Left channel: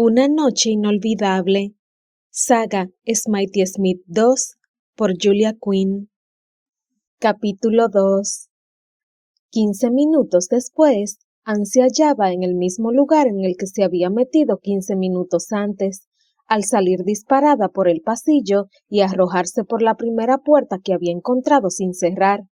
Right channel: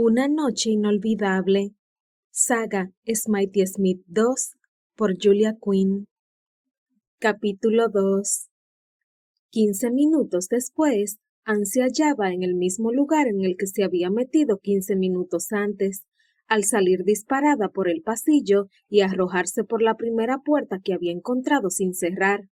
Una noche inolvidable. Saga Smitey Smith 2 por Julia Quinn. Capítulo 2. 15 minutos después, Anne se hallaba en el mismo lugar en el que se había metido 15 minutos antes, al salir disparada por el pasillo y arrojarse por la primera puerta que había encontrado sin cerrar.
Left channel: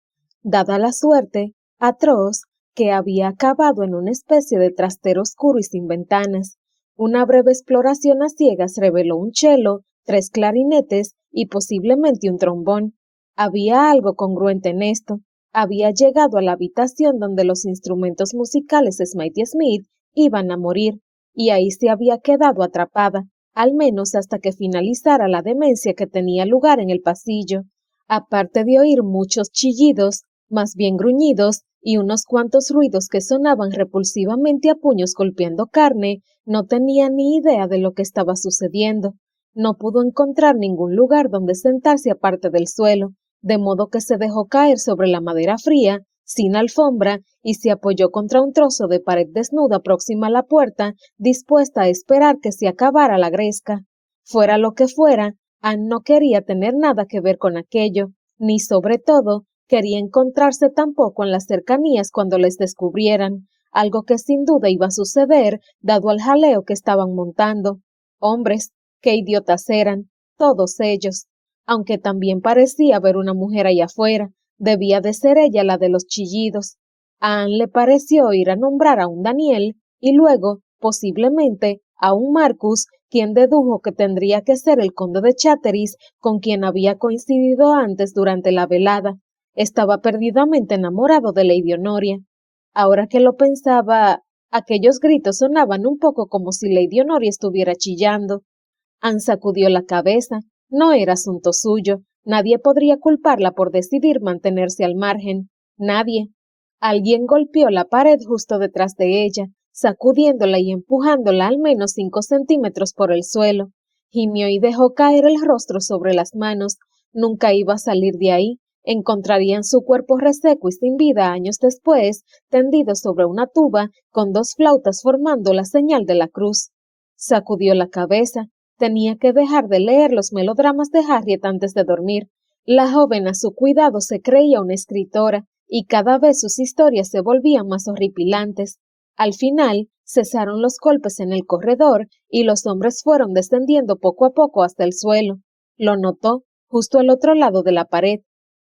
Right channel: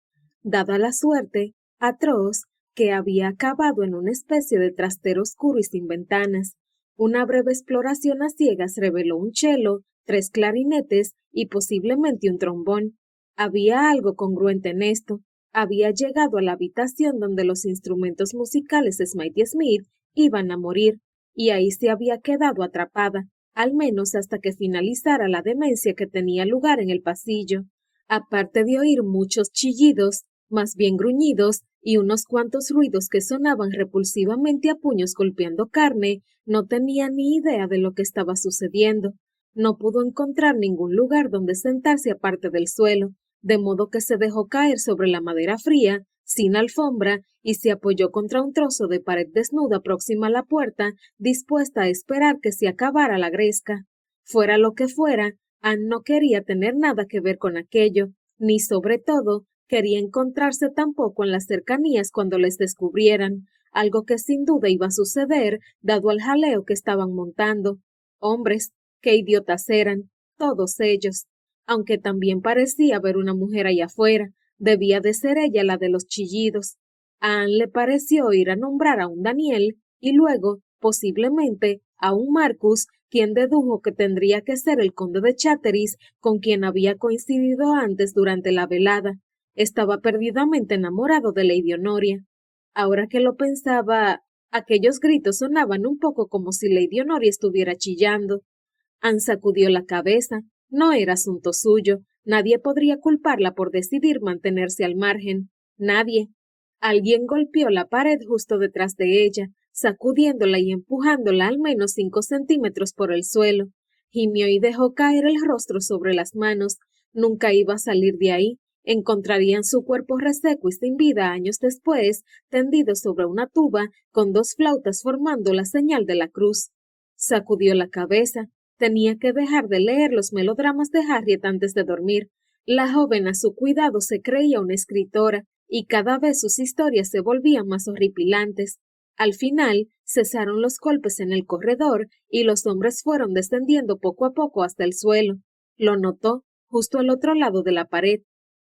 Dada la suerte, atroz, que había acabado en una especie de trastero oscuro y sin ventanas. Una breve exploración a ciegas reveló un cello, 3 clarinetes y posiblemente un trombón. Había algo congruente en esto. Había llegado a la habitación donde los instrumentos musicales de Smitey Smith iban a morir, y ahí se había quedado atrapada, al menos hasta que finalizara la demencia que tenía lugar en el pasillo. Aparte de oír muchos chillidos, más bien gruñidos, y unos cuantos ruidos que sonaban repulsivamente a puños golpeando carne, no tenía ni idea de lo que estaba sucediendo. No pudo encontrar ningún lugar donde sentarse aparte del suelo, de modo que se dejó caer sobre la madera fría, sin alfombra, y se apoyó contra un trozo de pared desnuda próxima a la puerta, dispuesta a esperar que se acabara la gresca. Fuera lo que fuera, Anne no quería tener nada que ver con aquello, ni sobre todo, quería encontrarse tampoco en las cercanías cuando les descubrieran, algo que sin duda iba a suceder, dado al jaleo que estaban montando. Hombres, qué idiotas eran, todos ellos. Aunque también parecía ver una mujer allá afuera, debía de ser ella la de los chillidos. A Anne le pareció ir a nombrar a un Daniel, y luego, posiblemente, a un Marcus, quien dedujo que tendría que ser el conde de Chatteris, con quien había coincidido antes durante la velada. Estaba perdidamente enamorado de Lady Honoria. Ahora que lo pensaba, aquellos gritos sonaban un poco como si Lady Honoria estuviera chillando. Anne sacudió la cabeza. No era asunto suyo. Nadie podría culparla por decidir mantenerse al margen. Nadie. Alguien golpeó la pared justo detrás de ella, sacudiéndola y empujándola al menos 5 centímetros por el suelo. Gimió y dejó caer el rostro sobre las manos. Nunca iba a salir de ahí. Encontrarían su cuerpo reseco y sin vida años después, tendido sobre una tuba, con 2 flautas formando la señal de la cruz. Sacudió la cabeza. Tenía que dejar de leer los melodramas de Harriet antes de dormir. La joven a su cuidado se creía una escritora, y cada vez sus historias se volvían más horripilantes. Al final, cesaron los golpes en el corredor, y los hombres fueron descendiendo poco a poco hasta el suelo. Lo notó, justo al otro lado de la pared.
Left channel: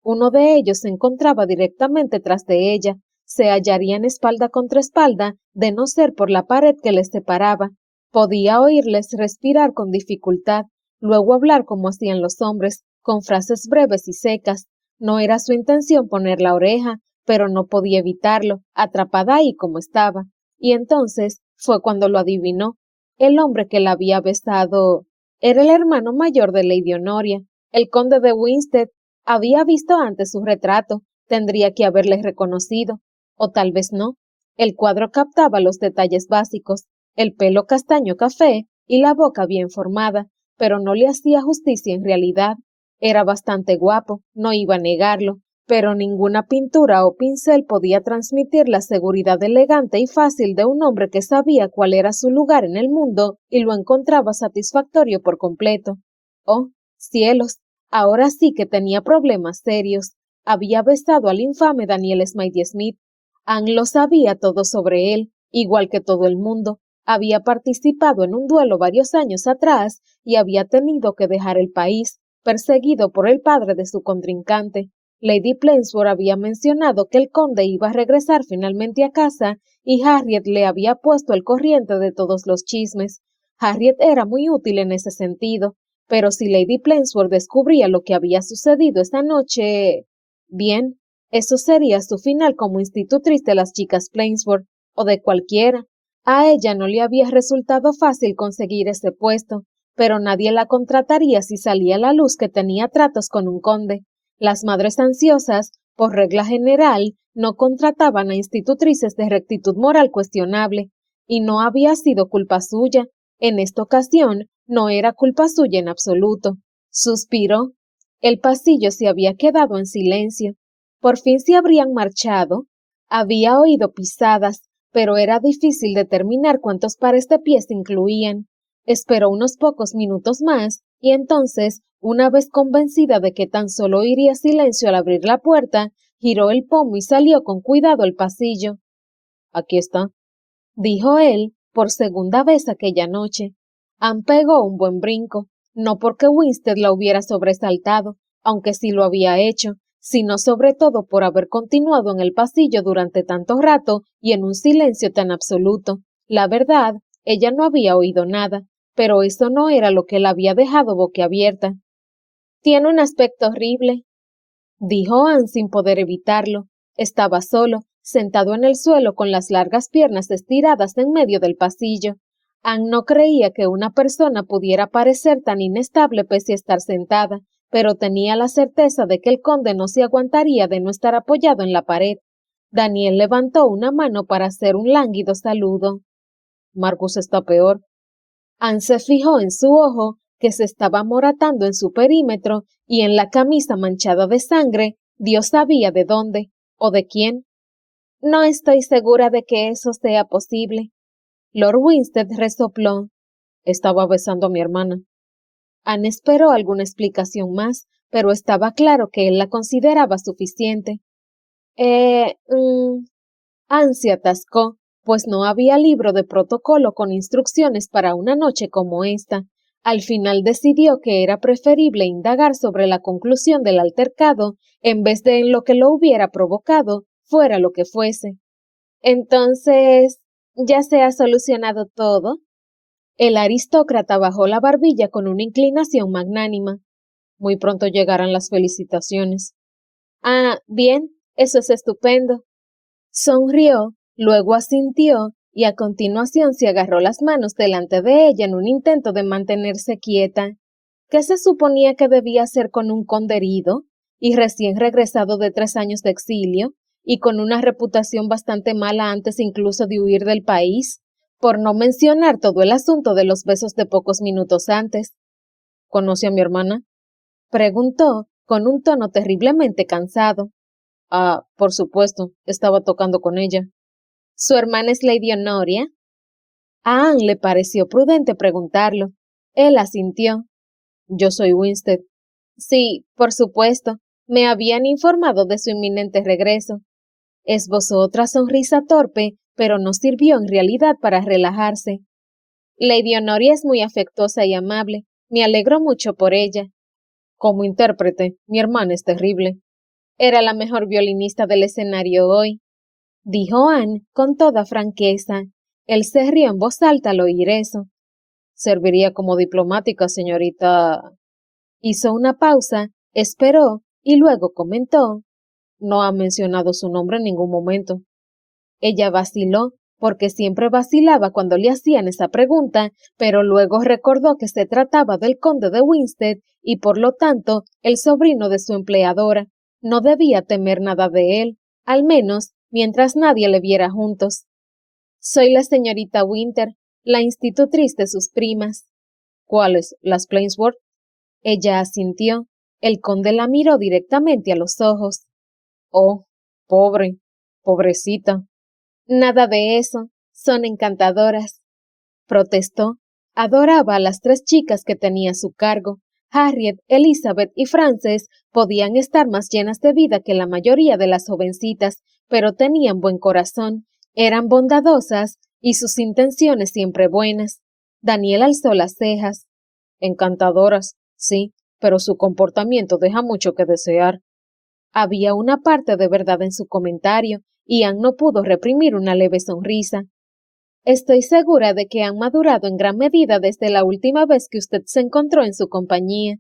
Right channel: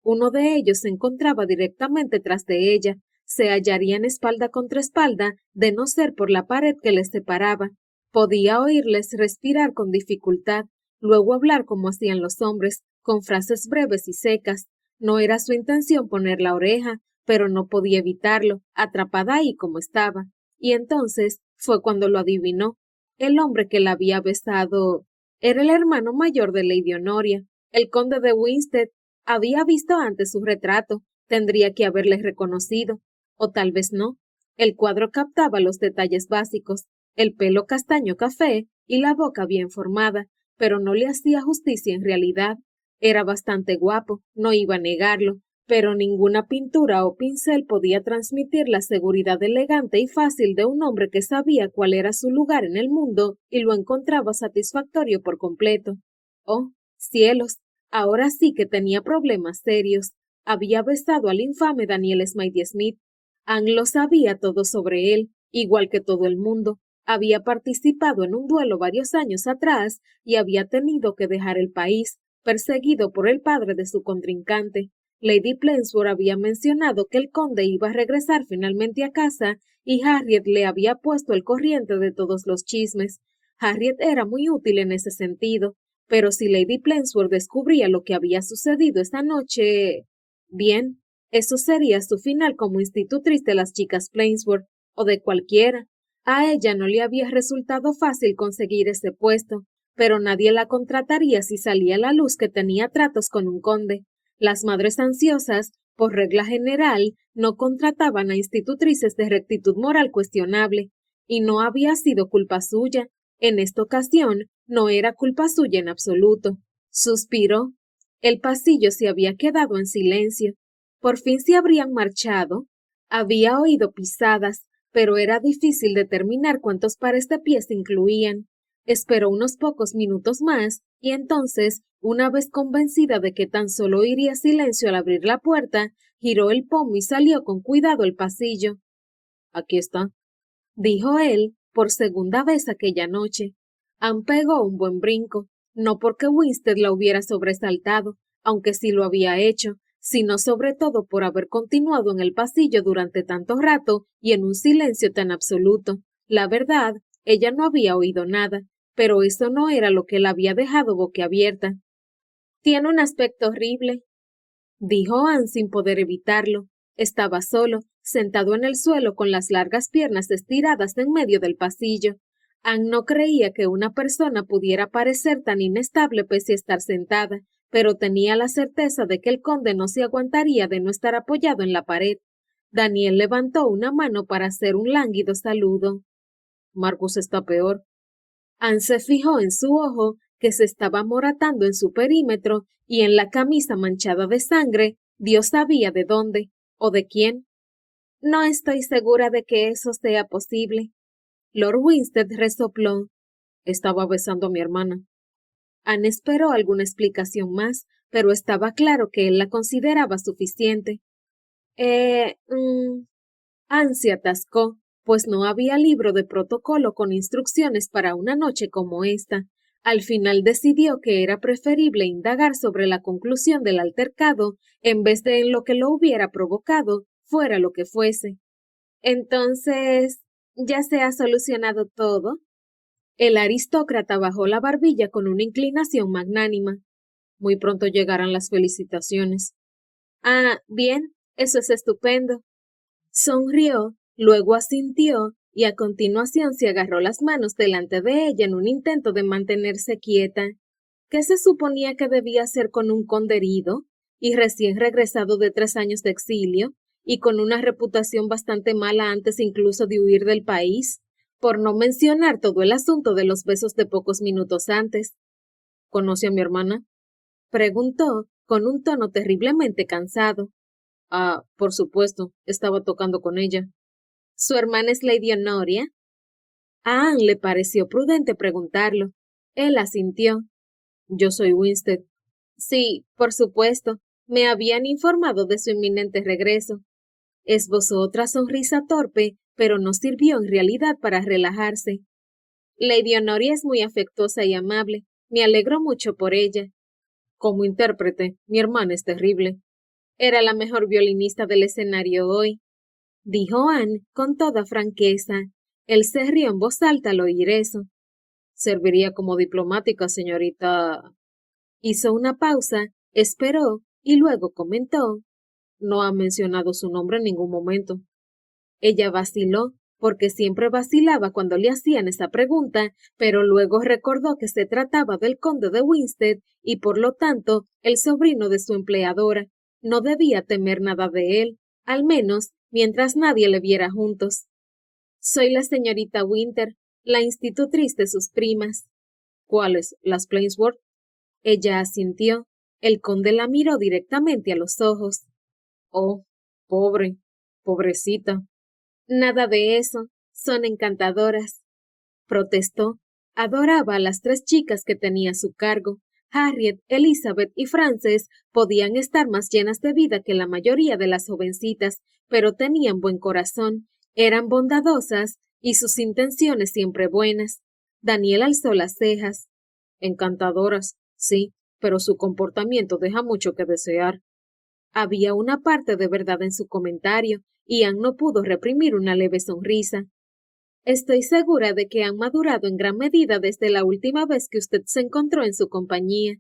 Uno de ellos se encontraba directamente tras de ella. Se hallarían espalda contra espalda, de no ser por la pared que les separaba. Podía oírles respirar con dificultad, luego hablar como hacían los hombres, con frases breves y secas. No era su intención poner la oreja, pero no podía evitarlo, atrapada ahí como estaba. Y entonces fue cuando lo adivinó. El hombre que la había besado era el hermano mayor de Lady Honoria, el conde de Winstead. Había visto antes su retrato, tendría que haberle reconocido, o tal vez no. El cuadro captaba los detalles básicos, el pelo castaño café y la boca bien formada, pero no le hacía justicia en realidad. Era bastante guapo, no iba a negarlo, pero ninguna pintura o pincel podía transmitir la seguridad elegante y fácil de un hombre que sabía cuál era su lugar en el mundo y lo encontraba satisfactorio por completo. Oh, cielos, ahora sí que tenía problemas serios. Había besado al infame Daniel Smitey Smith. Anne lo sabía todo sobre él, igual que todo el mundo. Había participado en un duelo varios años atrás y había tenido que dejar el país, perseguido por el padre de su contrincante. Lady Plainsboro había mencionado que el conde iba a regresar finalmente a casa y Harriet le había puesto al corriente de todos los chismes. Harriet era muy útil en ese sentido, pero si Lady Plainsboro descubría lo que había sucedido esa noche... Bien, eso sería su final como institutriz de las chicas Plainsboro, o de cualquiera. A ella no le había resultado fácil conseguir ese puesto, pero nadie la contrataría si salía a la luz que tenía tratos con un conde. Las madres ansiosas, por regla general, no contrataban a institutrices de rectitud moral cuestionable, y no había sido culpa suya. En esta ocasión, no era culpa suya en absoluto. Suspiró. El pasillo se había quedado en silencio. Por fin se habrían marchado. Había oído pisadas, pero era difícil determinar cuántos pares de pies incluían. Esperó unos pocos minutos más y entonces, una vez convencida de que tan solo oiría silencio al abrir la puerta, giró el pomo y salió con cuidado al pasillo. Aquí está, dijo él por segunda vez aquella noche. Anne pegó un buen brinco, no porque Winstead la hubiera sobresaltado, aunque sí lo había hecho, sino sobre todo por haber continuado en el pasillo durante tanto rato y en un silencio tan absoluto. La verdad, ella no había oído nada, pero eso no era lo que la había dejado boquiabierta. Tiene un aspecto horrible, dijo Anne sin poder evitarlo. Estaba solo, sentado en el suelo con las largas piernas estiradas en medio del pasillo. Anne no creía que una persona pudiera parecer tan inestable pese a estar sentada, pero tenía la certeza de que el conde no se aguantaría de no estar apoyado en la pared. Daniel levantó una mano para hacer un lánguido saludo. Marcus está peor. Anne se fijó en su ojo, que se estaba moratando en su perímetro, y en la camisa manchada de sangre, Dios sabía de dónde, o de quién. No estoy segura de que eso sea posible. Lord Winstead resopló. Estaba besando a mi hermana. Anne esperó alguna explicación más, pero estaba claro que él la consideraba suficiente. Anne se atascó, pues no había libro de protocolo con instrucciones para una noche como esta. Al final decidió que era preferible indagar sobre la conclusión del altercado en vez de en lo que lo hubiera provocado, fuera lo que fuese. Entonces, ¿ya se ha solucionado todo? El aristócrata bajó la barbilla con una inclinación magnánima. Muy pronto llegarán las felicitaciones. Ah, bien, eso es estupendo. Sonrió, luego asintió y a continuación se agarró las manos delante de ella en un intento de mantenerse quieta. ¿Qué se suponía que debía hacer con un conde herido y recién regresado de 3 años de exilio y con una reputación bastante mala antes incluso de huir del país? Por no mencionar todo el asunto de los besos de pocos minutos antes. ¿Conoce a mi hermana? Preguntó con un tono terriblemente cansado. Ah, por supuesto, estaba tocando con ella. ¿Su hermana es Lady Honoria? A Anne le pareció prudente preguntarlo. Él asintió. Yo soy Winstead. Sí, por supuesto. Me habían informado de su inminente regreso. Esbozó otra sonrisa torpe, pero no sirvió en realidad para relajarse. Lady Honoria es muy afectuosa y amable. Me alegro mucho por ella. Como intérprete, mi hermana es terrible. Era la mejor violinista del escenario hoy, dijo Anne con toda franqueza. Él se rió en voz alta al oír eso. Serviría como diplomática, señorita. Hizo una pausa, esperó y luego comentó. No ha mencionado su nombre en ningún momento. Ella vaciló, porque siempre vacilaba cuando le hacían esa pregunta, pero luego recordó que se trataba del conde de Winstead y por lo tanto el sobrino de su empleadora. No debía temer nada de él, al menos mientras nadie le viera juntos. Soy la señorita Winter, la institutriz de sus primas. ¿Cuáles? ¿Las Plainsworth? Ella asintió. El conde la miró directamente a los ojos. Oh, pobre, pobrecita. Nada de eso. Son encantadoras. Protestó. Adoraba a las 3 chicas que tenía a su cargo. Harriet, Elizabeth y Frances podían estar más llenas de vida que la mayoría de las jovencitas, pero tenían buen corazón, eran bondadosas y sus intenciones siempre buenas. Daniel alzó las cejas. Encantadoras, sí, pero su comportamiento deja mucho que desear. Había una parte de verdad en su comentario, y Anne no pudo reprimir una leve sonrisa. Estoy segura de que han madurado en gran medida desde la última vez que usted se encontró en su compañía,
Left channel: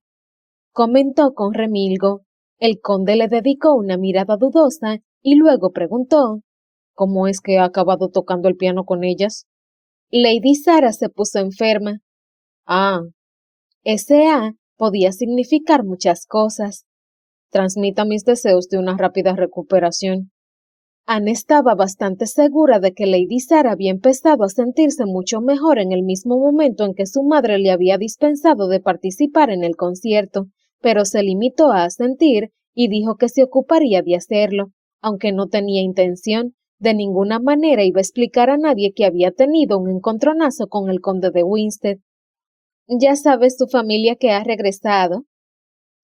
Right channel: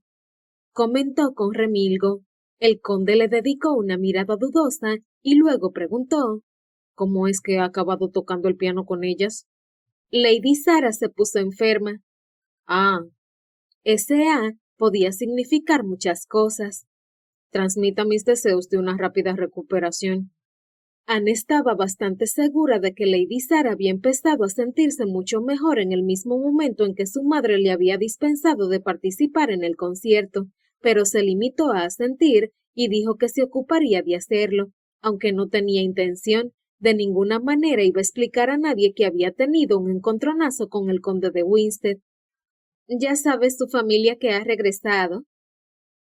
comentó con remilgo. El conde le dedicó una mirada dudosa y luego preguntó, ¿cómo es que ha acabado tocando el piano con ellas? Lady Sarah se puso enferma. Ah, ese A podía significar muchas cosas. Transmita mis deseos de una rápida recuperación. Anne estaba bastante segura de que Lady Sarah había empezado a sentirse mucho mejor en el mismo momento en que su madre le había dispensado de participar en el concierto, pero se limitó a asentir y dijo que se ocuparía de hacerlo, aunque no tenía intención, de ninguna manera iba a explicar a nadie que había tenido un encontronazo con el conde de Winstead. ¿Ya sabes tu familia que ha regresado?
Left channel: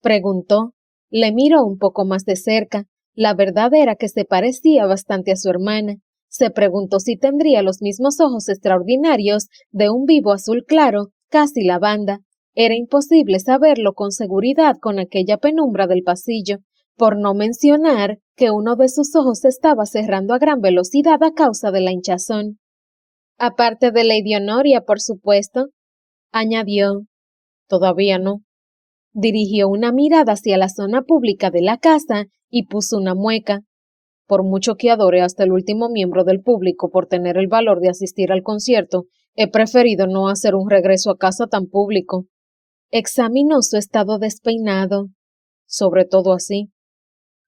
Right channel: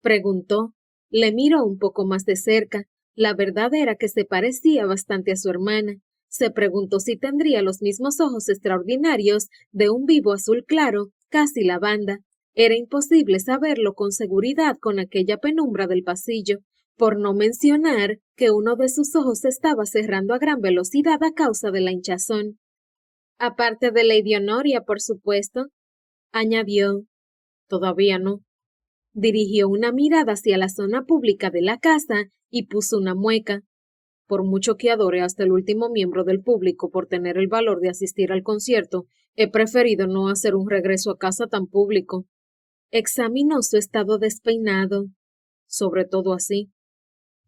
Preguntó. Le miró un poco más de cerca. La verdad era que se parecía bastante a su hermana. Se preguntó si tendría los mismos ojos extraordinarios de un vivo azul claro, casi lavanda. Era imposible saberlo con seguridad con aquella penumbra del pasillo, por no mencionar que uno de sus ojos estaba cerrando a gran velocidad a causa de la hinchazón. Aparte de Lady Honoria, por supuesto, añadió. Todavía no. Dirigió una mirada hacia la zona pública de la casa y puso una mueca. Por mucho que adore hasta el último miembro del público por tener el valor de asistir al concierto, he preferido no hacer un regreso a casa tan público. Examinó su estado despeinado. Sobre todo así.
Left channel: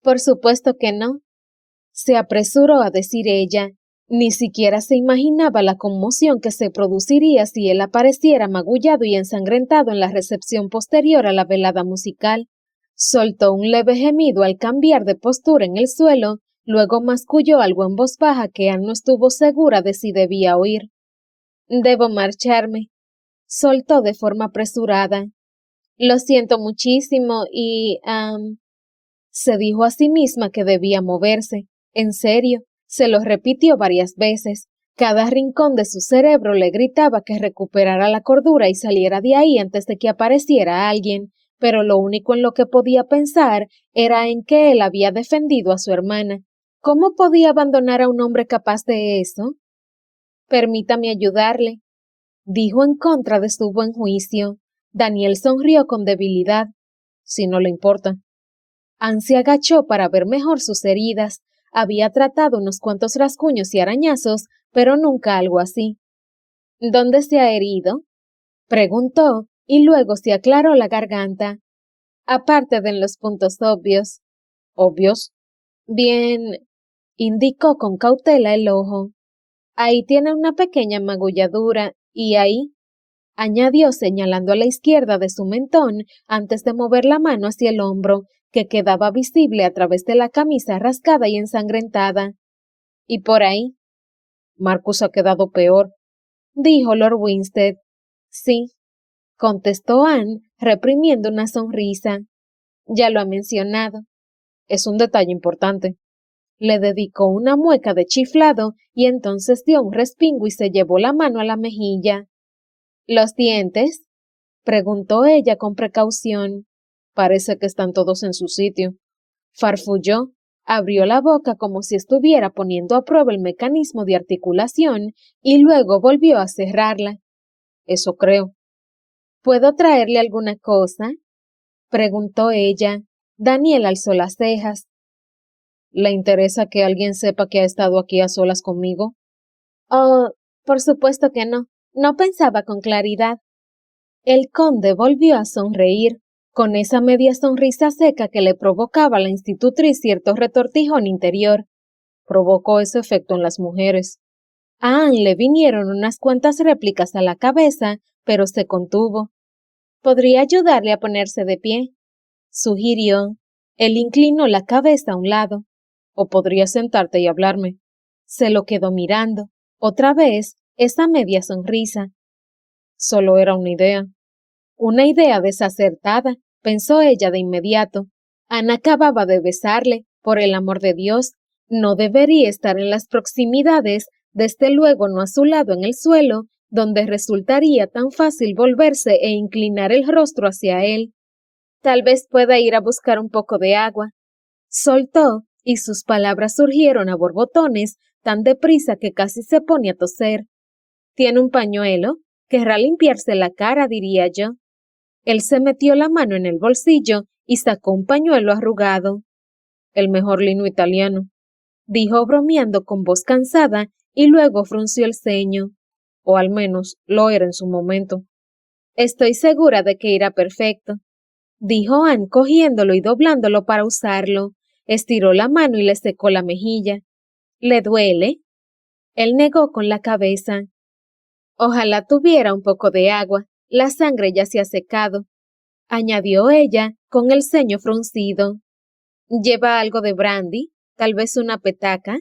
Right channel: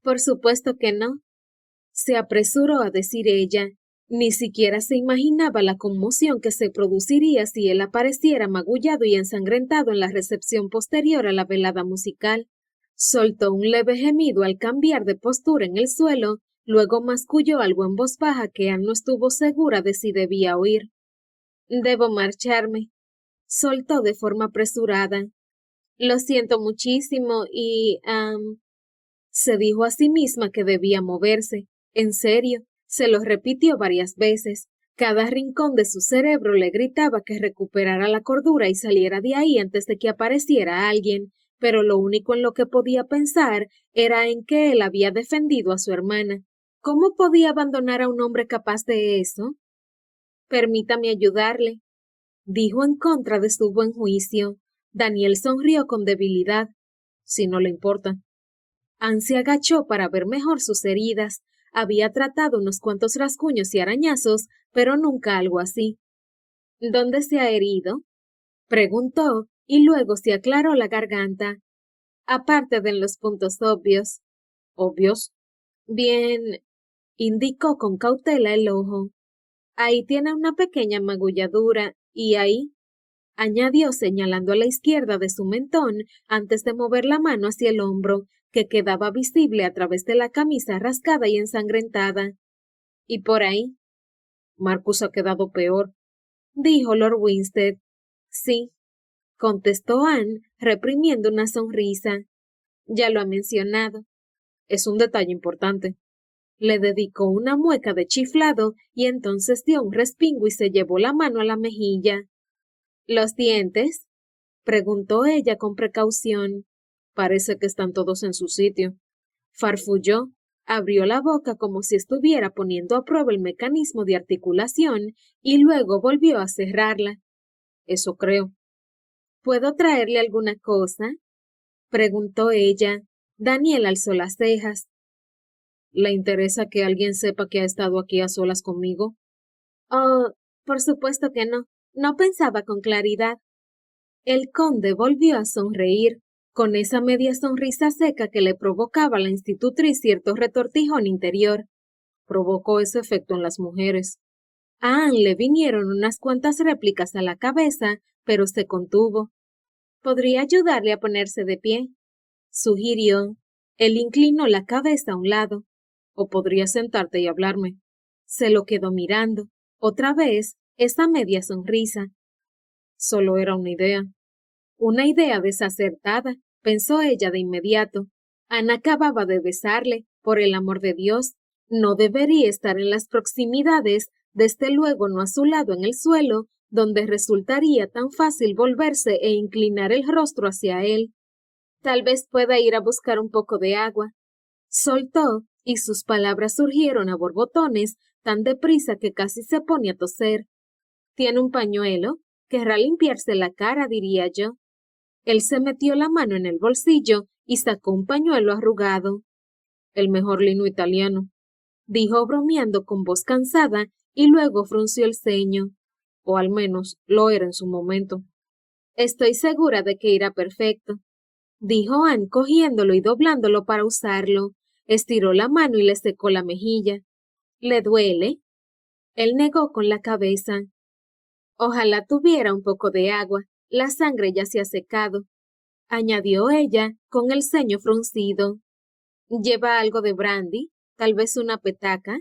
Por supuesto que no, se apresuró a decir ella. Ni siquiera se imaginaba la conmoción que se produciría si él apareciera magullado y ensangrentado en la recepción posterior a la velada musical. Soltó un leve gemido al cambiar de postura en el suelo, luego masculló algo en voz baja que Anne no estuvo segura de si debía oír. Debo marcharme, soltó de forma apresurada. Lo siento muchísimo y... se dijo a sí misma que debía moverse. En serio, se lo repitió varias veces. Cada rincón de su cerebro le gritaba que recuperara la cordura y saliera de ahí antes de que apareciera alguien, pero lo único en lo que podía pensar era en que él había defendido a su hermana. ¿Cómo podía abandonar a un hombre capaz de eso? Permítame ayudarle, dijo en contra de su buen juicio. Daniel sonrió con debilidad. Si no le importa. Anne se agachó para ver mejor sus heridas. Había tratado unos cuantos rasguños y arañazos, pero nunca algo así. ¿Dónde se ha herido? Preguntó, y luego se aclaró la garganta. Aparte de en los puntos obvios. ¿Obvios? Bien, indicó con cautela el ojo. Ahí tiene una pequeña magulladura, y ahí, añadió señalando a la izquierda de su mentón antes de mover la mano hacia el hombro, que quedaba visible a través de la camisa rascada y ensangrentada. ¿Y por ahí? Marcus ha quedado peor, dijo Lord Winstead. Sí, contestó Anne, reprimiendo una sonrisa. Ya lo ha mencionado. Es un detalle importante. Le dedicó una mueca de chiflado y entonces dio un respingo y se llevó la mano a la mejilla. ¿Los dientes? Preguntó ella con precaución. Parece que están todos en su sitio. Farfulló, abrió la boca como si estuviera poniendo a prueba el mecanismo de articulación y luego volvió a cerrarla. Eso creo. ¿Puedo traerle alguna cosa? Preguntó ella. Daniel alzó las cejas. ¿Le interesa que alguien sepa que ha estado aquí a solas conmigo? Oh, por supuesto que no. No pensaba con claridad. El conde volvió a sonreír, con esa media sonrisa seca que le provocaba a la institutriz cierto retortijón interior. Provocó ese efecto en las mujeres. A Anne le vinieron unas cuantas réplicas a la cabeza, pero se contuvo. ¿Podría ayudarle a ponerse de pie? Sugirió. Él inclinó la cabeza a un lado. O podría sentarte y hablarme. Se lo quedó mirando. Otra vez, esa media sonrisa. Solo era una idea. Una idea desacertada, pensó ella de inmediato. Ana acababa de besarle, por el amor de Dios. No debería estar en las proximidades, desde luego no a su lado en el suelo, donde resultaría tan fácil volverse e inclinar el rostro hacia él. Tal vez pueda ir a buscar un poco de agua. Soltó, y sus palabras surgieron a borbotones, tan deprisa que casi se pone a toser. ¿Tiene un pañuelo? Querrá limpiarse la cara, diría yo. Él se metió la mano en el bolsillo y sacó un pañuelo arrugado. El mejor lino italiano, dijo bromeando con voz cansada y luego frunció el ceño. O al menos lo era en su momento. Estoy segura de que irá perfecto, dijo Anne cogiéndolo y doblándolo para usarlo. Estiró la mano y le secó la mejilla. ¿Le duele? Él negó con la cabeza. Ojalá tuviera un poco de agua. La sangre ya se ha secado, añadió ella con el ceño fruncido. ¿Lleva algo de brandy? ¿Tal vez una petaca?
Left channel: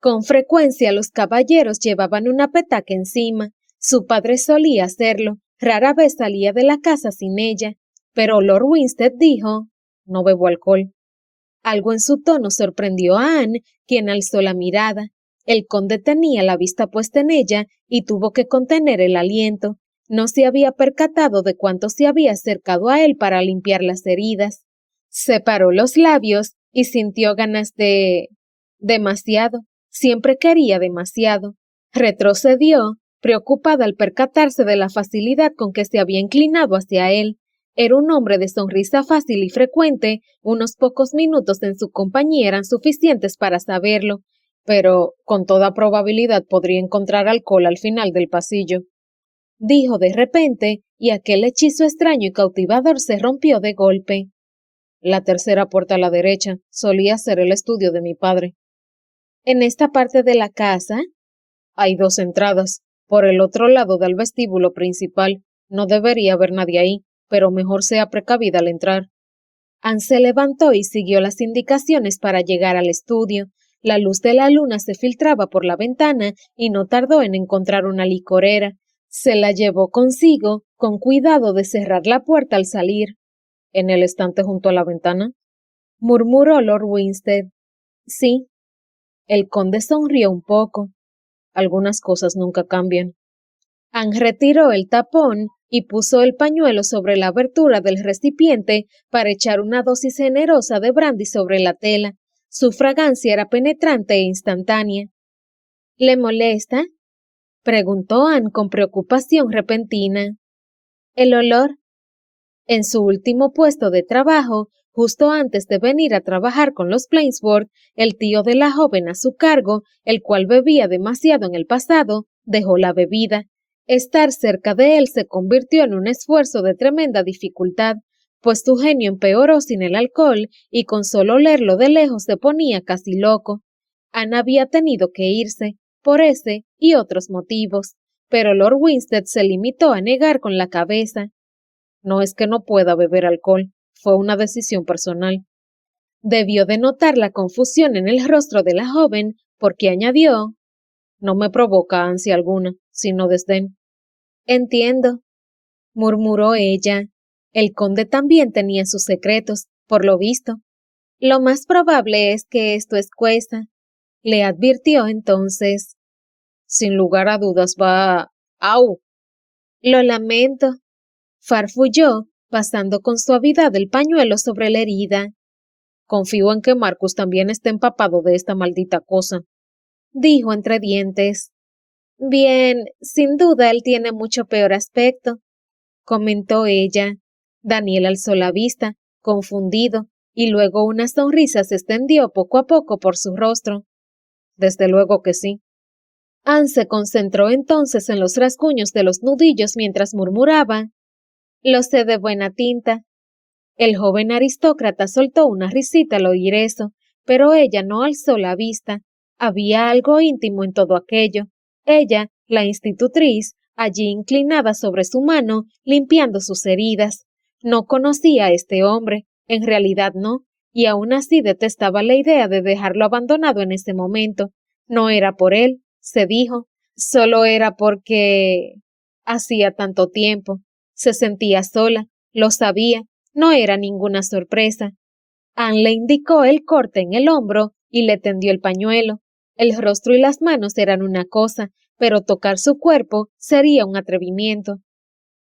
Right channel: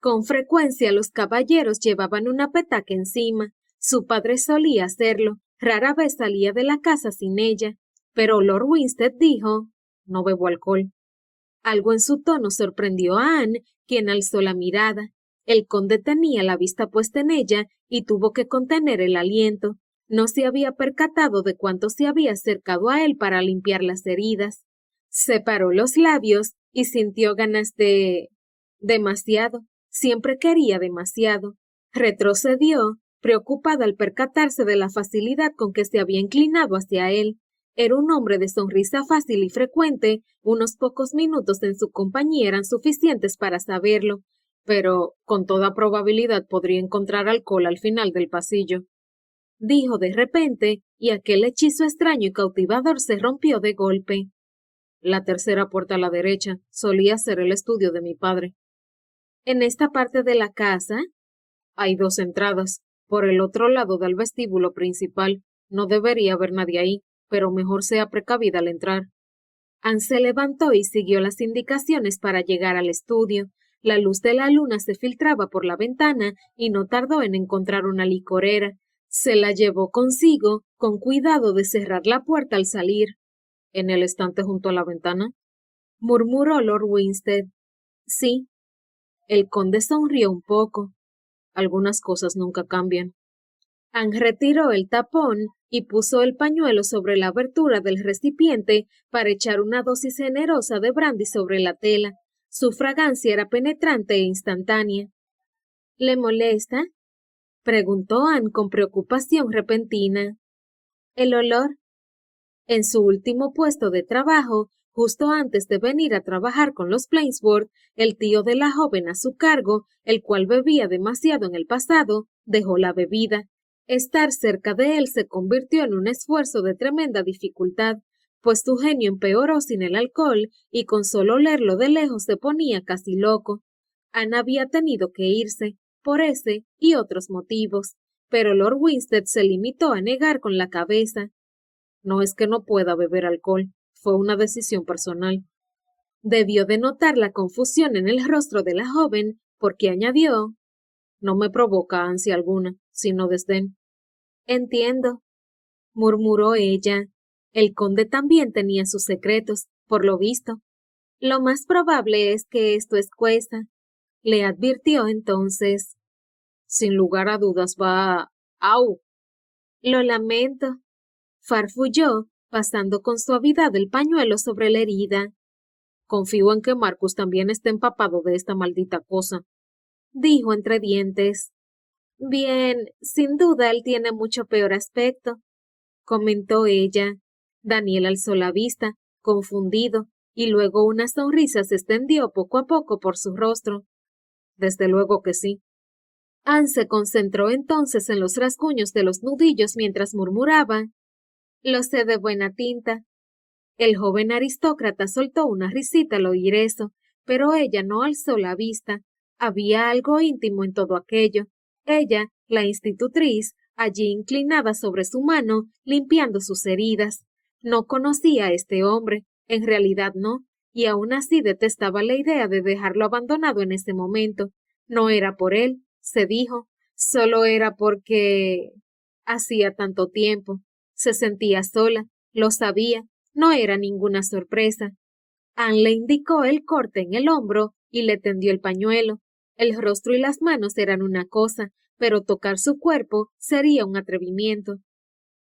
Con frecuencia los caballeros llevaban una petaca encima. Su padre solía hacerlo, Rara vez salía de la casa sin ella, pero Lord Winstead dijo, no bebo alcohol. Algo en su tono sorprendió a Anne, quien alzó la mirada. El conde tenía la vista puesta en ella y tuvo que contener el aliento. No se había percatado de cuánto se había acercado a él para limpiar las heridas. Separó los labios y sintió ganas de... demasiado. Siempre quería demasiado. Retrocedió, preocupada al percatarse de la facilidad con que se había inclinado hacia él. Era un hombre de sonrisa fácil y frecuente, unos pocos minutos en su compañía eran suficientes para saberlo, pero con toda probabilidad podría encontrar alcohol al final del pasillo. Dijo de repente, y aquel hechizo extraño y cautivador se rompió de golpe. La tercera puerta a la derecha solía ser el estudio de mi padre. En esta parte de la casa hay dos entradas. Por el otro lado del vestíbulo principal. No debería haber nadie ahí, pero mejor sea precavida al entrar. Anne se levantó y siguió las indicaciones para llegar al estudio. La luz de la luna se filtraba por la ventana y no tardó en encontrar una licorera. Se la llevó consigo, con cuidado de cerrar la puerta al salir. ¿En el estante junto a la ventana?, murmuró Lord Winstead. Sí. El conde sonrió un poco. Algunas cosas nunca cambian. Anne retiró el tapón y puso el pañuelo sobre la abertura del recipiente para echar una dosis generosa de brandy sobre la tela. Su fragancia era penetrante e instantánea. ¿Le molesta?, preguntó Anne con preocupación repentina. El olor. En su último puesto de trabajo, justo antes de venir a trabajar con los Plainsworth, el tío de la joven a su cargo, el cual bebía demasiado en el pasado, dejó la bebida. Estar cerca de él se convirtió en un esfuerzo de tremenda dificultad, pues su genio empeoró sin el alcohol y con solo olerlo de lejos se ponía casi loco. Anne había tenido que irse, por ese y otros motivos, pero Lord Winstead se limitó a negar con la cabeza. No es que no pueda beber alcohol, fue una decisión personal. Debió de notar la confusión en el rostro de la joven, porque añadió, no me provoca ansia alguna, sino desdén. Entiendo, murmuró ella. El conde también tenía sus secretos, por lo visto. Lo más probable es que esto escueza, le advirtió entonces. Sin lugar a dudas va... ¡Au! Lo lamento, farfulló, pasando con suavidad el pañuelo sobre la herida. Confío en que Marcus también esté empapado de esta maldita cosa, dijo entre dientes. Bien, sin duda él tiene mucho peor aspecto, comentó ella. Daniel alzó la vista, confundido, y luego una sonrisa se extendió poco a poco por su rostro. Desde luego que sí. Anne se concentró entonces en los rasguños de los nudillos mientras murmuraba. Lo sé de buena tinta. El joven aristócrata soltó una risita al oír eso, pero ella no alzó la vista. Había algo íntimo en todo aquello. Ella, la institutriz, allí inclinada sobre su mano, limpiando sus heridas. No conocía a este hombre, en realidad no, y aún así detestaba la idea de dejarlo abandonado en ese momento. No era por él, se dijo, solo era porque... hacía tanto tiempo. Se sentía sola, lo sabía, no era ninguna sorpresa. Anne le indicó el corte en el hombro y le tendió el pañuelo. El rostro y las manos eran una cosa, pero tocar su cuerpo sería un atrevimiento.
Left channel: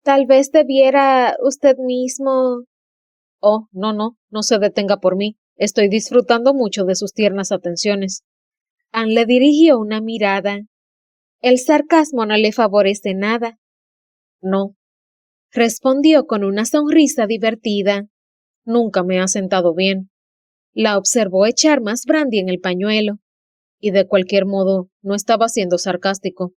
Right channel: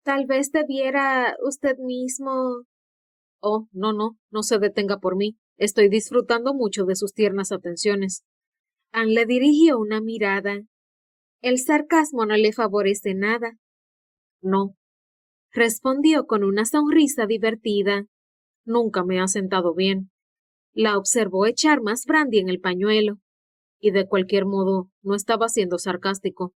Tal vez debiera usted mismo... Oh, no se detenga por mí. Estoy disfrutando mucho de sus tiernas atenciones. Anne le dirigió una mirada. El sarcasmo no le favorece nada. No, respondió con una sonrisa divertida. Nunca me ha sentado bien. La observó echar más brandy en el pañuelo. Y de cualquier modo, no estaba siendo sarcástico.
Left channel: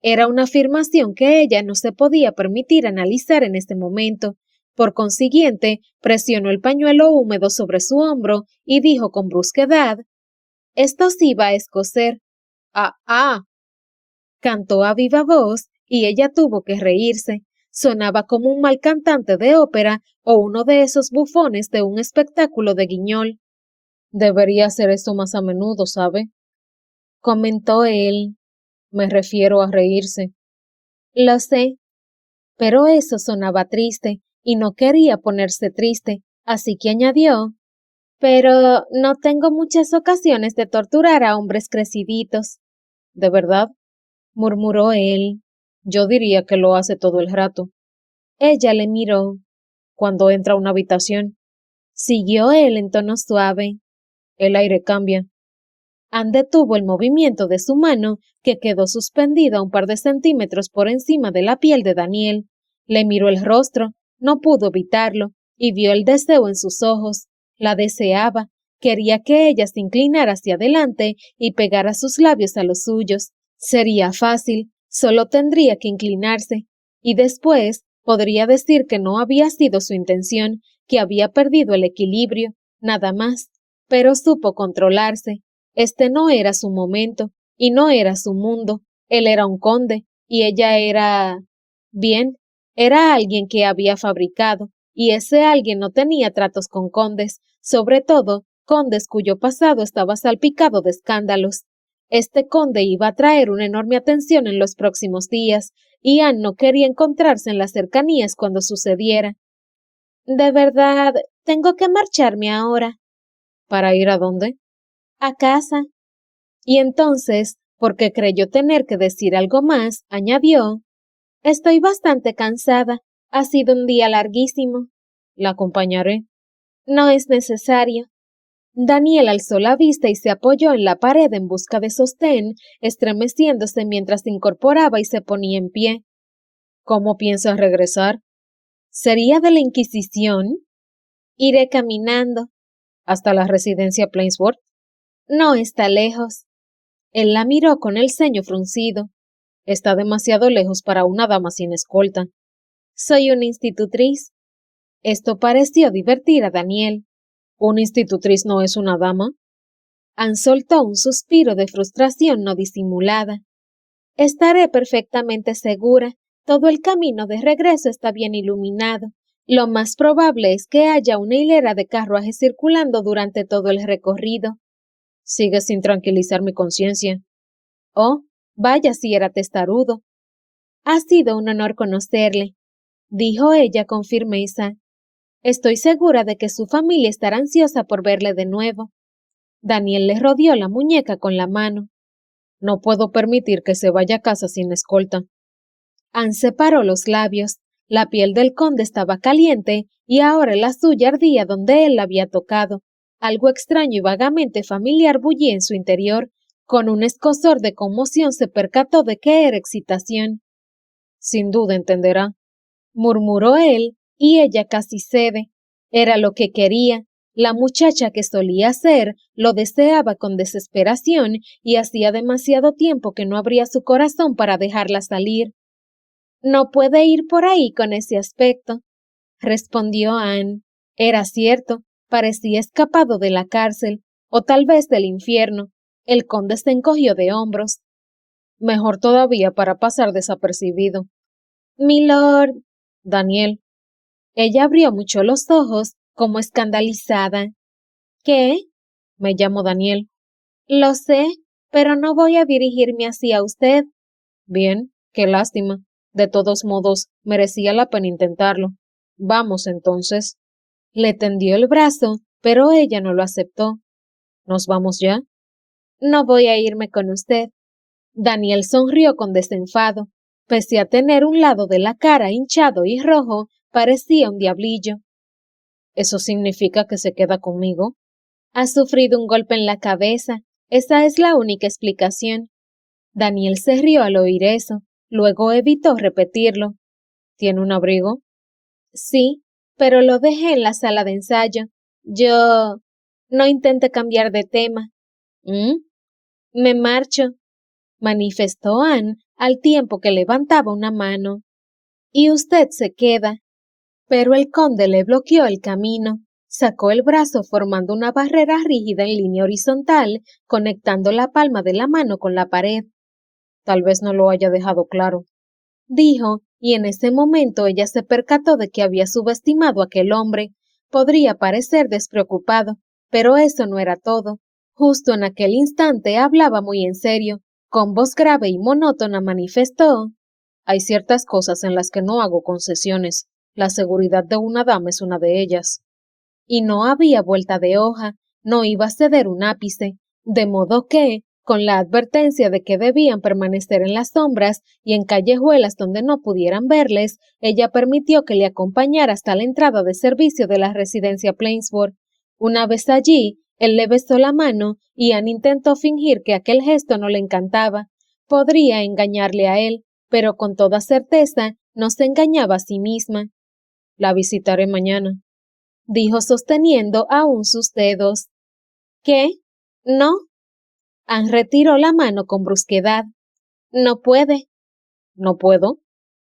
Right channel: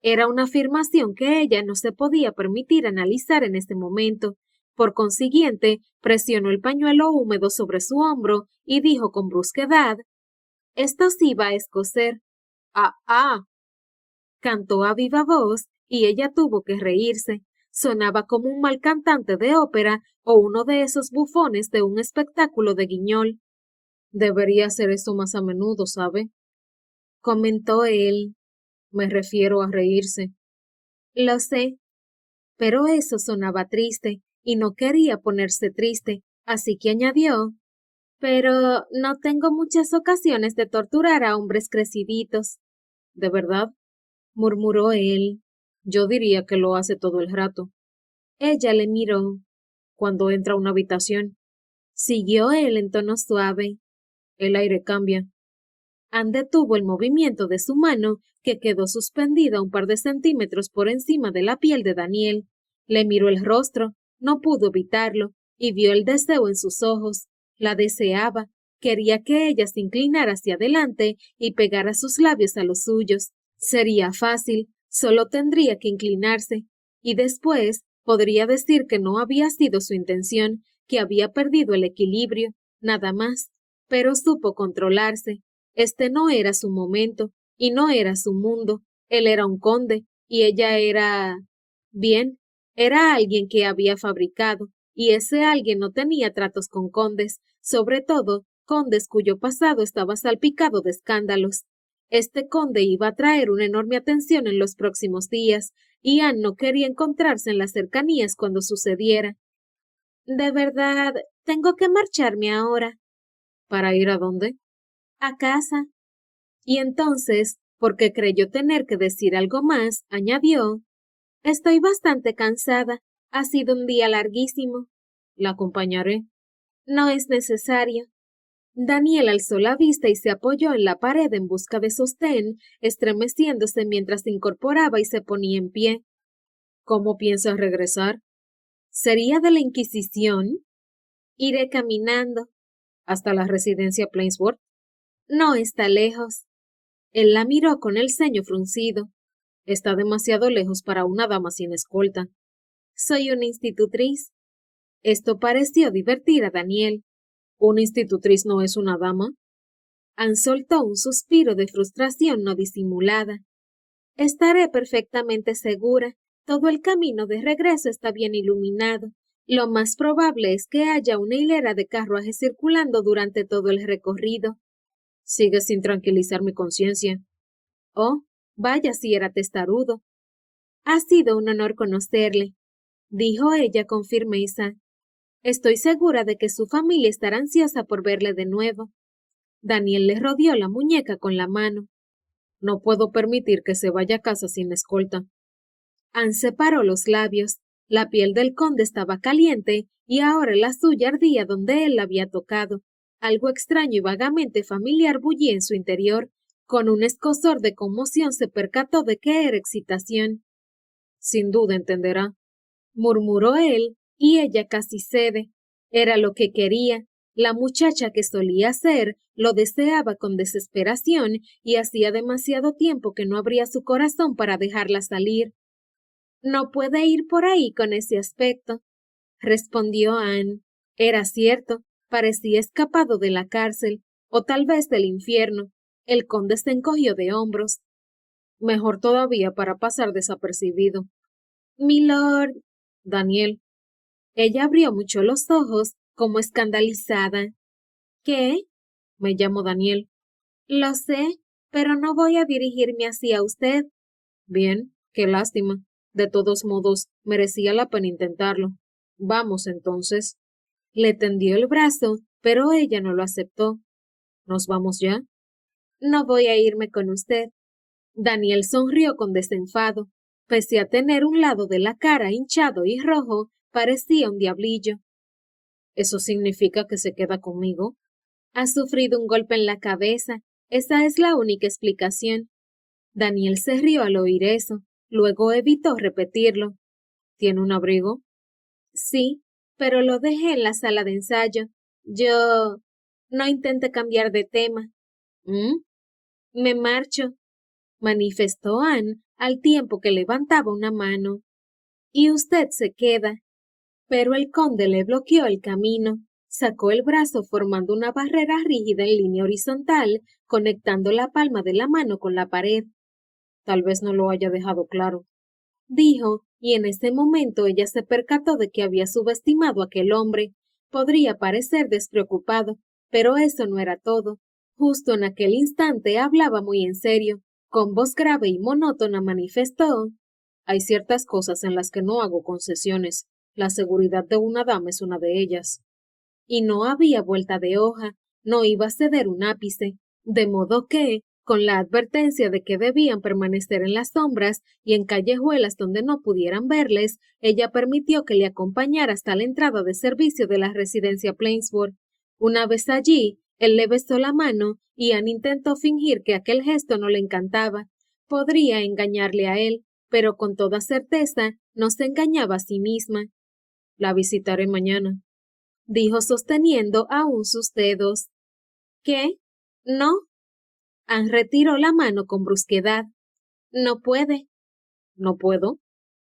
Era una afirmación que ella no se podía permitir analizar en este momento. Por consiguiente, presionó el pañuelo húmedo sobre su hombro y dijo con brusquedad, «Esto sí va a escocer». «Ah». Cantó a viva voz y ella tuvo que reírse. Sonaba como un mal cantante de ópera o uno de esos bufones de un espectáculo de Guignol. Debería hacer eso más a menudo, ¿sabe?, comentó él. Me refiero a reírse. Lo sé. Pero eso sonaba triste, y no quería ponerse triste, así que añadió, pero no tengo muchas ocasiones de torturar a hombres creciditos. ¿De verdad? Murmuró él. Yo diría que lo hace todo el rato. Ella le miró. Cuando entra a una habitación, siguió él en tono suave. El aire cambia. Anne detuvo el movimiento de su mano, que quedó suspendida un par de centímetros por encima de la piel de Daniel. Le miró el rostro, no pudo evitarlo, y vio el deseo en sus ojos. La deseaba, quería que ella se inclinara hacia adelante y pegara sus labios a los suyos. Sería fácil, solo tendría que inclinarse, y después podría decir que no había sido su intención, que había perdido el equilibrio, nada más. Pero supo controlarse. Este no era su momento, y no era su mundo. Él era un conde, y ella era... Bien, era alguien que había fabricado, y ese alguien no tenía tratos con condes, sobre todo condes cuyo pasado estaba salpicado de escándalos. Este conde iba a traer una enorme atención en los próximos días, y Anne no quería encontrarse en las cercanías cuando sucediera. De verdad, tengo que marcharme ahora. ¿Para ir a dónde? A casa. Y entonces, porque creyó tener que decir algo más, añadió, estoy bastante cansada. Ha sido un día larguísimo. La acompañaré. No es necesario. Daniel alzó la vista y se apoyó en la pared en busca de sostén, estremeciéndose mientras se incorporaba y se ponía en pie. ¿Cómo piensas regresar? ¿Sería de la Inquisición? Iré caminando. ¿Hasta la residencia Plainsworth? No está lejos. Él la miró con el ceño fruncido. Está demasiado lejos para una dama sin escolta. Soy una institutriz. Esto pareció divertir a Daniel. ¿Una institutriz no es una dama? Anne soltó un suspiro de frustración no disimulada. Estaré perfectamente segura. Todo el camino de regreso está bien iluminado. Lo más probable es que haya una hilera de carruajes circulando durante todo el recorrido. Sigue sin tranquilizar mi conciencia. Oh, vaya si era testarudo. Ha sido un honor conocerle, dijo ella con firmeza. Estoy segura de que su familia estará ansiosa por verle de nuevo. Daniel le rodeó la muñeca con la mano. No puedo permitir que se vaya a casa sin escolta. Anne separó los labios. La piel del conde estaba caliente y ahora la suya ardía donde él la había tocado. Algo extraño y vagamente familiar bullía en su interior. Con un escozor de conmoción se percató de que era excitación. Sin duda entenderá, murmuró él, y ella casi cede. Era lo que quería. La muchacha que solía ser lo deseaba con desesperación y hacía demasiado tiempo que no abría su corazón para dejarla salir. No puede ir por ahí con ese aspecto, respondió Anne. Era cierto, parecía escapado de la cárcel, o tal vez del infierno. El conde se encogió de hombros. Mejor todavía para pasar desapercibido. Milord. Daniel. Ella abrió mucho los ojos, como escandalizada. ¿Qué? Me llamo Daniel. Lo sé, pero no voy a dirigirme hacia usted. Bien, qué lástima. De todos modos, merecía la pena intentarlo. Vamos entonces. Le tendió el brazo, pero ella no lo aceptó. ¿Nos vamos ya? No voy a irme con usted. Daniel sonrió con desenfado. Pese a tener un lado de la cara hinchado y rojo, parecía un diablillo. ¿Eso significa que se queda conmigo? Ha sufrido un golpe en la cabeza. Esa es la única explicación. Daniel se rió al oír eso. Luego evitó repetirlo. ¿Tiene un abrigo? Sí, pero lo dejé en la sala de ensayo. Yo... No intente cambiar de tema. ¿Mm? Me marcho, manifestó Anne al tiempo que levantaba una mano. Y usted se queda. Pero el conde le bloqueó el camino. Sacó el brazo formando una barrera rígida en línea horizontal, conectando la palma de la mano con la pared. Tal vez no lo haya dejado claro, dijo, y en ese momento ella se percató de que había subestimado a aquel hombre. Podría parecer despreocupado, pero eso no era todo. Justo en aquel instante hablaba muy en serio. Con voz grave y monótona manifestó: Hay ciertas cosas en las que no hago concesiones. La seguridad de una dama es una de ellas. Y no había vuelta de hoja, no iba a ceder un ápice, de modo que, con la advertencia de que debían permanecer en las sombras y en callejuelas donde no pudieran verles, ella permitió que le acompañara hasta la entrada de servicio de la residencia Plainsboro. Una vez allí, él le besó la mano y Anne intentó fingir que aquel gesto no le encantaba. Podría engañarle a él, pero con toda certeza no se engañaba a sí misma. La visitaré mañana, dijo sosteniendo aún sus dedos. ¿Qué? ¿No? Anne retiró la mano con brusquedad. No puede. ¿No puedo?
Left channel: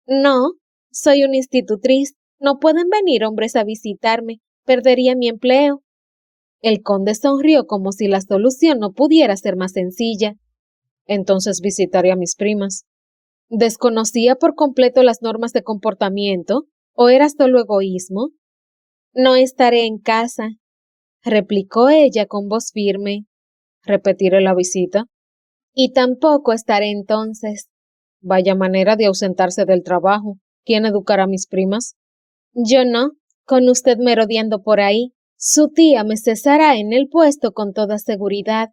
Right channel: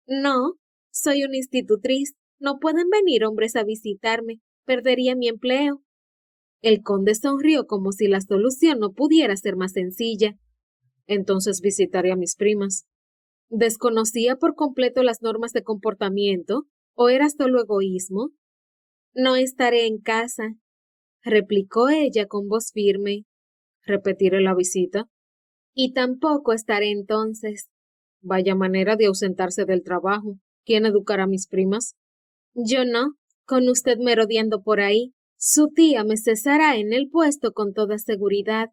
No. Soy una institutriz. No pueden venir hombres a visitarme. Perdería mi empleo. El conde sonrió como si la solución no pudiera ser más sencilla. Entonces visitaré a mis primas. ¿Desconocía por completo las normas de comportamiento? ¿O era solo egoísmo? No estaré en casa, replicó ella con voz firme. Repetiré la visita. Y tampoco estaré entonces. Vaya manera de ausentarse del trabajo. ¿Quién educará a mis primas? Yo no, con usted merodeando por ahí. Su tía me cesará en el puesto con toda seguridad.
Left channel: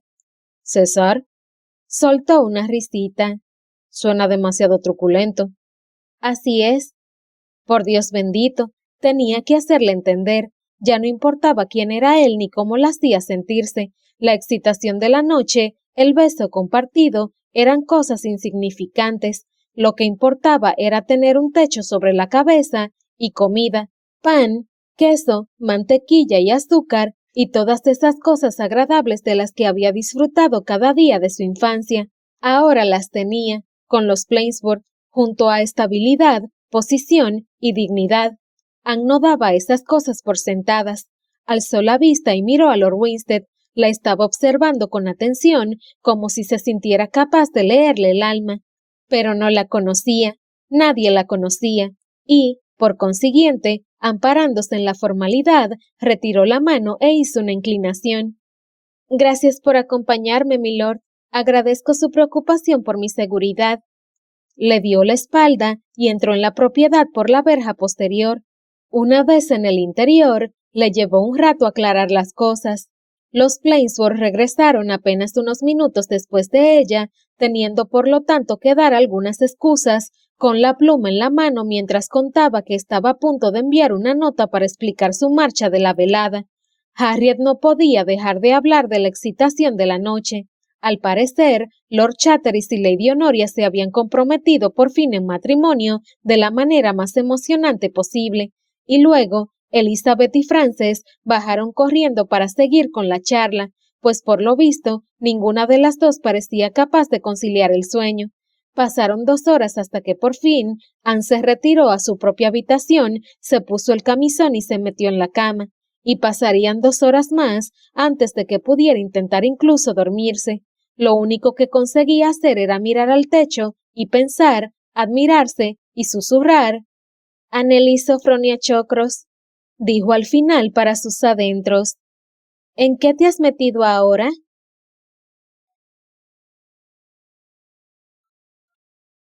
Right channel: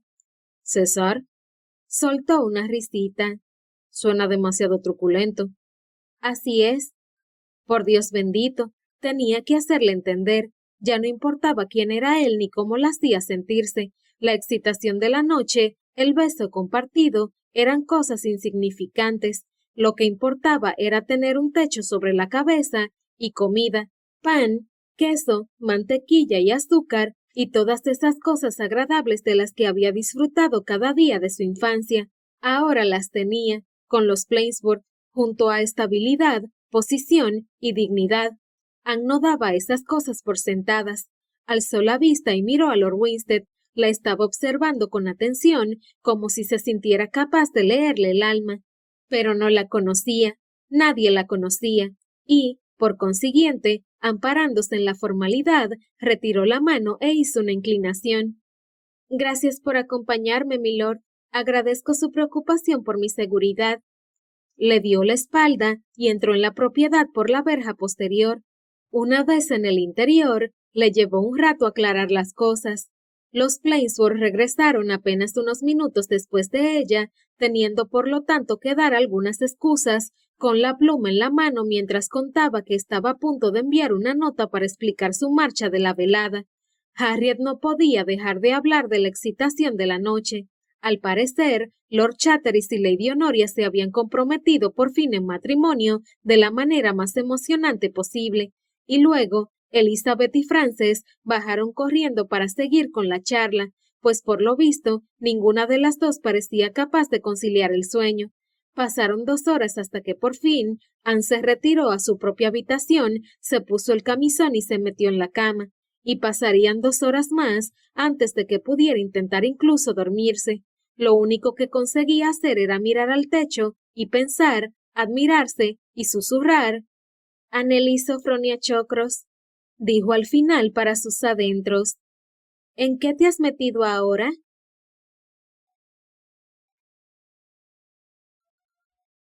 ¿Cesar? Soltó una risita. Suena demasiado truculento. Así es. Por Dios bendito, tenía que hacerle entender. Ya no importaba quién era él ni cómo la hacía sentirse. La excitación de la noche, el beso compartido, eran cosas insignificantes. Lo que importaba era tener un techo sobre la cabeza y comida, pan, queso, mantequilla y azúcar, y todas esas cosas agradables de las que había disfrutado cada día de su infancia. Ahora las tenía, con los Plainsboro, junto a estabilidad, posición y dignidad. Anne no daba esas cosas por sentadas. Alzó la vista y miró a Lord Winstead. La estaba observando con atención, como si se sintiera capaz de leerle el alma. Pero no la conocía, nadie la conocía, y, por consiguiente, amparándose en la formalidad, retiró la mano e hizo una inclinación. Gracias por acompañarme, milord. Agradezco su preocupación por mi seguridad. Le dio la espalda y entró en la propiedad por la verja posterior. Una vez en el interior, le llevó un rato aclarar las cosas. Los Plainsboro regresaron apenas unos minutos después de ella, teniendo por lo tanto que dar algunas excusas, con la pluma en la mano mientras contaba que estaba a punto de enviar una nota para explicar su marcha de la velada. Harriet no podía dejar de hablar de la excitación de la noche. Al parecer, Lord Chatteris y Lady Honoria se habían comprometido por fin en matrimonio de la manera más emocionante posible, y luego Elizabeth y Frances bajaron corriendo para seguir con la charla, pues por lo visto ninguna de las dos parecía capaz de conciliar el sueño. Pasaron 2 horas hasta que por fin Anne se retiró a su propia habitación, se puso el camisón y se metió en la cama, y pasarían 2 horas más antes de que pudiera intentar incluso dormirse. Lo único que conseguía hacer era mirar al techo y pensar, admirarse y susurrar. Annelies Sophronia Chocros, dijo al final para sus adentros. ¿En qué te has metido ahora?